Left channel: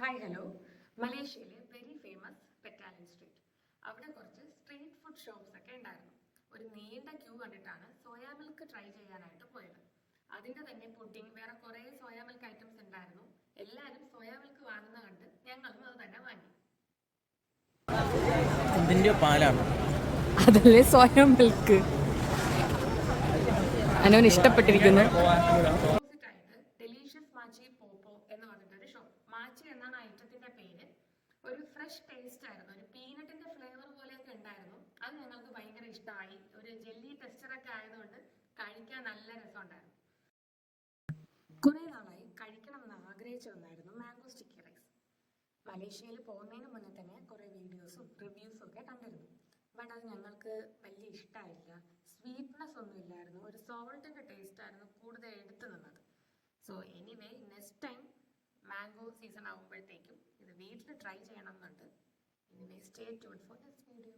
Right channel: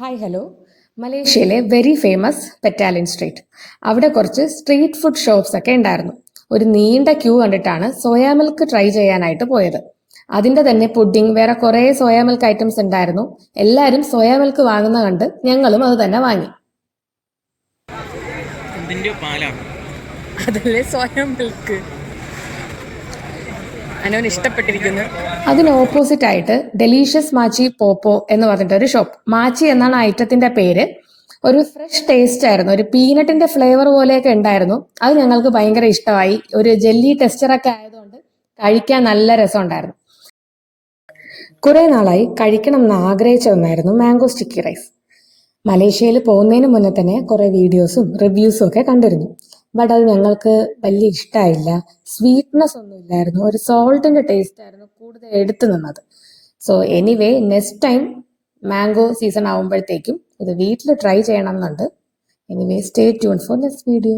Hi hello. മലേഷ്യയിലെ very famous പെറ്റാലിൻ street. അവിടെ കുറച്ച് സ്ട്രീറ്റ് ഫുഡ് ഷോപ്സ് ഒക്കെ ഉണ്ടായിരുന്നു. ഒരു നീണ്ട ക്യൂ കണ്ടിട്ടാണ് സോയാ മിൽക്ക് ട്രൈ ചെയ്യാനായിട്ട് പോയത്. അതിന്റെ തന്നെ പുഡിംഗ്, വേറെ കുറേ സോയാ മിൽക്ക് ഐറ്റംസ് ഉണ്ടായിരുന്നു. എല്ലാവരും സോയാ മിൽക്ക് വാങ്ങുന്ന കണ്ട് ഞങ്ങളും അത് തന്നെ വാങ്ങി. ഇതിന്റെ പാലാണ്. അതല്ലേ സോയാ മിൽക്ക്. അനുവിന് ഇഷ്ടപ്പെട്ടിരിക്കുന്നു. അതിന് ഓപ്പോസിറ്റ് ആയിട്ട് ഡെലീഷ്യസ് മാച്ചി പോപ്പോ എന്ന് പറഞ്ഞിട്ടൊരു ഷോപ്പ്. മാച്ചി എന്നാണ് ഐറ്റത്തിന്റെ പേര്. ഒരു ഫ്രഷ് ടേസ്റ്റ് ആയിരുന്നു, ഒരു പീനട്ടിന്റെ ഫ്ലേവർ പോലെയൊക്കെ ഉണ്ടായിരുന്നു. അത് ഞങ്ങൾക്ക് ഭയങ്കര ഇഷ്ടമായി. ഒരു ജെല്ലി ടെക്സ്ചറൊക്കെ ആയതുകൊണ്ട് കഴിക്കാൻ നല്ല രസമുണ്ടായിരുന്നു. കുറെ നാളായി കഴിക്കണം എന്ന് ആഗ്രഹിച്ച ഒന്നായിരുന്നു മാംഗോ സ്റ്റിക്കി റൈസ്. മലേഷ്യയിൽ പോകുന്നതിന് മുന്നേ തന്നെ കുറെ വീഡിയോസും റിവ്യൂസും ഒക്കെ കണ്ടിരുന്നു. ബട്ട് അത് ഞങ്ങൾക്ക് വലിയ ഇഷ്ടമായില്ല. സ്വീറ്റ്നെസ് ഒന്നും ഇല്ലായിരുന്നു, ഒരു സോൾട്ടിന്റെ ടേസ്റ്റ് ആയിരുന്നു കൂടുതൽ എടുത്തു നിന്നത്. So anyway, next time mango season ആകുമ്പോഴത്തേക്കും ഇത് വീട്ടിൽ ട്രൈ ചെയ്യണം എന്നുണ്ട്. Anyway, stay tune for next video.